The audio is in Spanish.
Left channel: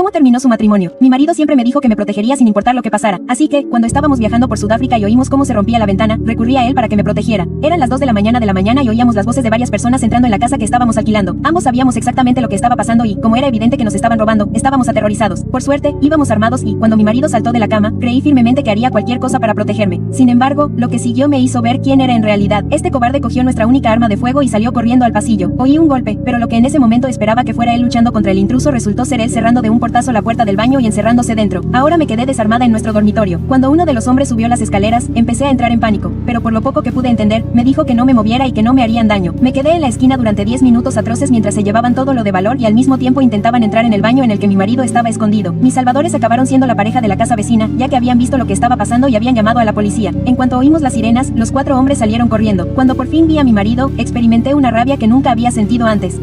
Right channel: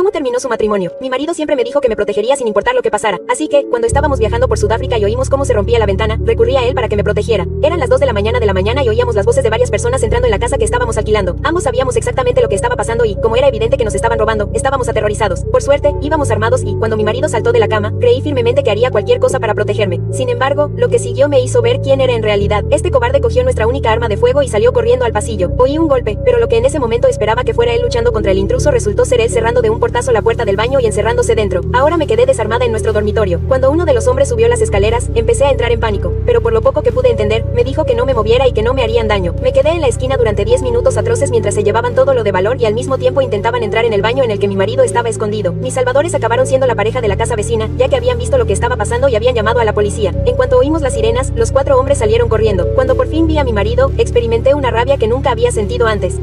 ¿Cómo terminó su matrimonio? Mi marido siempre me dijo que me protegería sin importar lo que pasara, así que, cuando estábamos viajando por Sudáfrica y oímos cómo se rompía la ventana, recurrí a él para que me protegiera. Eran las 2 de la mañana y oíamos las voces de varias personas entrando en la casa que estábamos alquilando. Ambos sabíamos exactamente lo que estaba pasando y, como era evidente que nos estaban robando, estábamos aterrorizados. Por suerte, íbamos armados y, cuando mi marido saltó de la cama, creí firmemente que haría cualquier cosa para protegerme. Sin embargo, lo que siguió me hizo ver quién era en realidad. Este cobarde cogió nuestra única arma de fuego y salió corriendo al pasillo. Oí un golpe, pero lo que en ese momento esperaba que fuera él luchando contra el intruso resultó ser él cerrando de un portazo la puerta del baño y encerrándose dentro. Ahora me quedé desarmada en nuestro dormitorio. Cuando uno de los hombres subió las escaleras, empecé a entrar en pánico, pero por lo poco que pude entender, me dijo que no me moviera y que no me harían daño. Me quedé en la esquina durante 10 minutos atroces mientras se llevaban todo lo de valor y al mismo tiempo intentaban entrar en el baño en el que mi marido estaba escondido. Mis salvadores acabaron siendo la pareja de la casa vecina, ya que habían visto lo que estaba pasando y habían llamado a la policía. En cuanto oímos las sirenas, los 4 hombres salieron corriendo. Cuando por fin vi a mi marido, experimenté una rabia que nunca había sentido antes.